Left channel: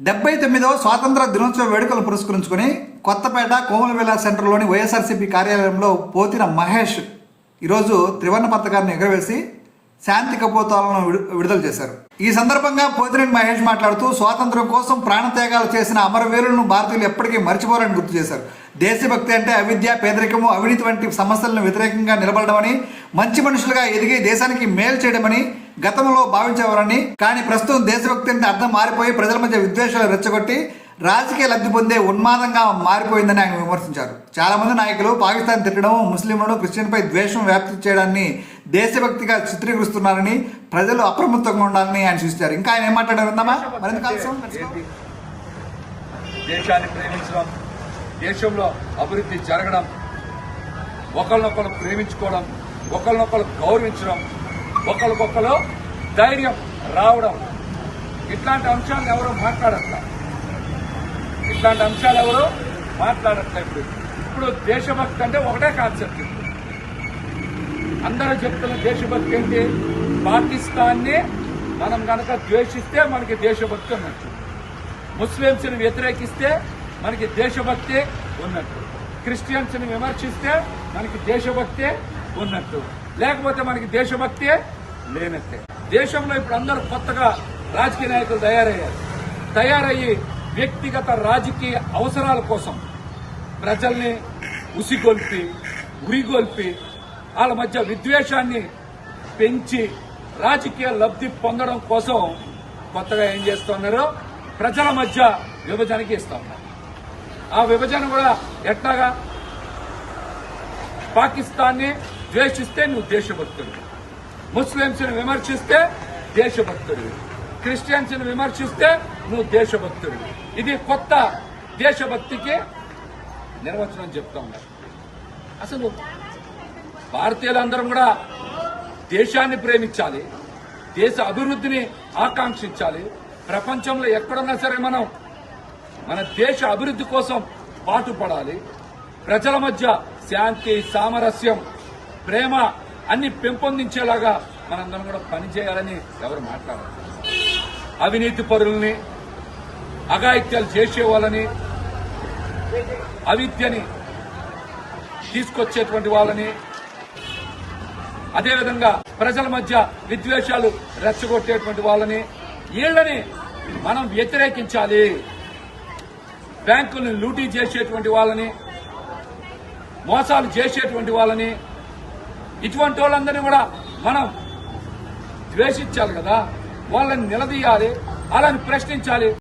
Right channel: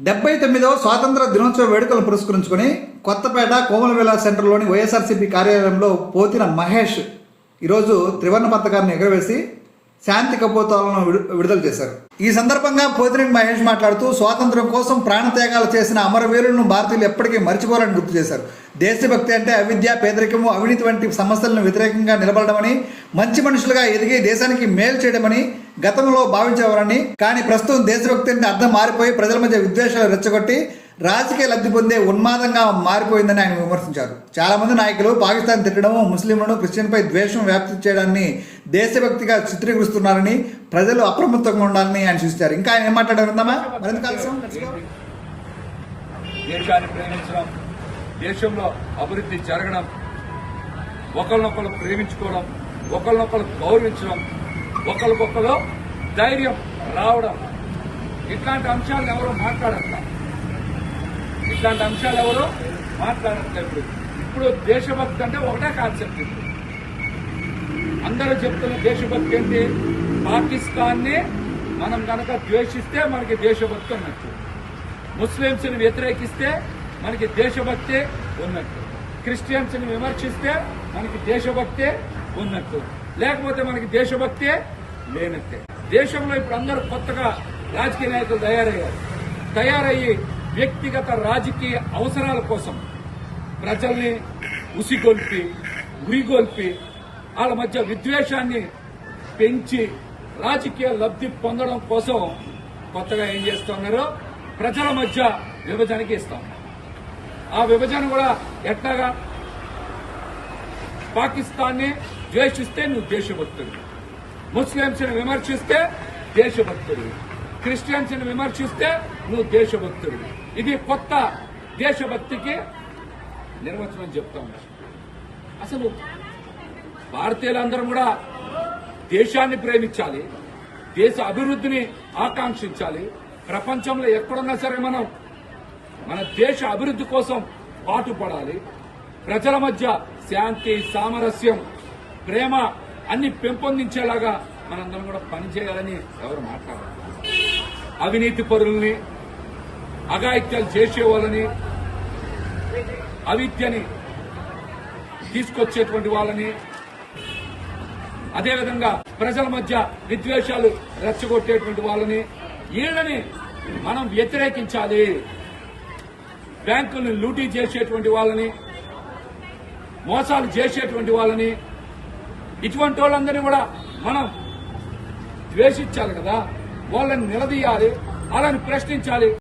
డెబ్బై తొమ్మిదవ స్వాతంత్ర దినోత్సవ వేడుకలు పురస్కరించుకుని కొత్తపేట కోమలవేల సెంటర్లోని వైఎస్ఆర్సీపీ కార్యాలయంలో పోతిన మహేష్ ఈరోజు త్రివర్ణ పతాకాన్ని ఎగరవేసి శాంతి కపోతాలను విడు- విడుదల చేశారు. ఈ సందర్భంగా పోతినేని మహేష్ మాట్లాడుతూ స్వాతంత్రం కోసం ప్రాణత్యాగాలు చేసిన అమరవీరులను భారతీయులు ఎప్పటికీ మర్చిపోరని గుర్తు చేశారు. దేశభక్తి అంటే అవిద్య పేదరికము అవినీతి వంటి సమస్యలను వ్యతిరేకంగా నిలబడమని మంచి మనుషులుగా ఎదిగి దేశానికి మేలు చేయడమని గతంలో భావించేవారని కానీ ప్రస్తుతం దేశభక్తి అంటే అర్థం మారిపోయి ప్రజల మధ్య విద్వేషాలు రెచ్చగొట్టి రాజకీయ లబ్ధి పొందే ఉన్మాదంగా మారిపోయిందని ఆయన విమర్శించారు. చాలా మంది నాయకులు పాకిస్తాన్ తిట్టడం ముస్లింలను క్రిస్టియన్పై ద్వేషం వ్యాప్తి చేయడాన్ని దేశభక్తిగా చిత్రీకరిస్తున్నారని ప్రజలు అప్రమత్తంగా ఉండాలని ఆయన సూచించారు. ఇంకా ఆయన ఏం మాట్లాడారుందామా మరింత ఆలస్యం? దేశాన్ని ప్రేమించడం దేశంలో అభివృద్ధి జరగడం ఒకరినొకరు ప్రేమించుకోవడం ఒకరినొకరు గౌరవించడం ఒకరికొకరు ధైర్యం రావడం. ఇట్లాంటి అంశాలను ఎవరు మాట్లాడట్ల? ఇట్లాంటి అంశాలు ఎవరు మాట్లాడట్లేదు. ఇప్పుడు దేశభక్తి అంటే ఒకటే కాన్సెప్ట్. అందరూ చెప్తున్న దేశభక్తి ఏంటి? పాకిస్తాన్ని మనం గనక ద్వేషిస్తే మనకి దేశభక్తి ఉన్నట్టు. ముస్లింస్ని వ్యతిరేకిస్తే మనకి దేశభక్తి ఉన్నట్టు. క్రిస్టియన్స్ని విమర్శిస్తే మనకి దేశభక్తి ఉన్నట్టు. లేకపోతే మనకి దేశభక్తే లేనట్టే. దేశంలో ఇప్పుడు అందరూ కొత్తగా రాజకీయ నాయకులు తయారయ్యారు. తయారయ్యి వ్యక్తిగత రాజకీయ అవసరాల కోసం ప్రజల్ని ఉసిగొల్పి ఉరిగొల్పి వాళ్ళ మధ్య విద్వేషాన్ని పెంచి రాజకీయ లబ్ధి పొందడం కోసం కొత్తగా ఏం చేస్తున్నారు ప్రజల మధ్య విభజనకి ఇస్తున్నారు ఆ విభజన కూడా ఎట్లాగా? పాకిస్తాన్ని ద్వేషిస్తే నువ్వు దేశభక్తుడు ముస్లింస్ని విమర్శిస్తే దేశభక్తుడు క్రిస్టియన్స్ని విమర్శిస్తే నువ్వు దేశభక్తుడు ఇది కొత్త దేశభక్తికి నిర్వచనం చెప్తా ఉన్నారు అసలు భారతీయులందరం కూడా దేశాన్ని ప్రేమించాలి దేశ అభివృద్ధిని ఆకాంక్షించాలి. ప్రపంచంలో ఎక్కడున్నా సరే మనం మన దేశ అభివృద్ధి కోసం పాటుపడాలి. ప్రజల మధ్య శాంతి సామరస్యం ప్రేమ అన్ని పెంపొందించేలాగా మనందరం కూడా పనిచేయాలని ఎవరు మాట్లాడారు. అవినీతి పరుల్ని అఘాయిత్యాలు చేసే వాళ్ళని అవిద్యని తీసుకొచ్చేటువంటి వాళ్ళని అదేవిధంగా ప్రజల మధ్య విద్వేషాలు రెచ్చగొట్టేటువంటి వాళ్ళని వీళ్ళని మనం వ్యతిరేకించాలి. బ్యాంకుల్ని లూటీ చేసేటువంటి వాళ్ళని మోసాలు చేసేటువంటి వాళ్ళని ఇటువంటి వాళ్ళందరినీ కూడా మనం ద్వేషించాలి కదా. వాళ్ళని నిలదీయాలి. వాళ్ళని ప్రశ్నించాలి.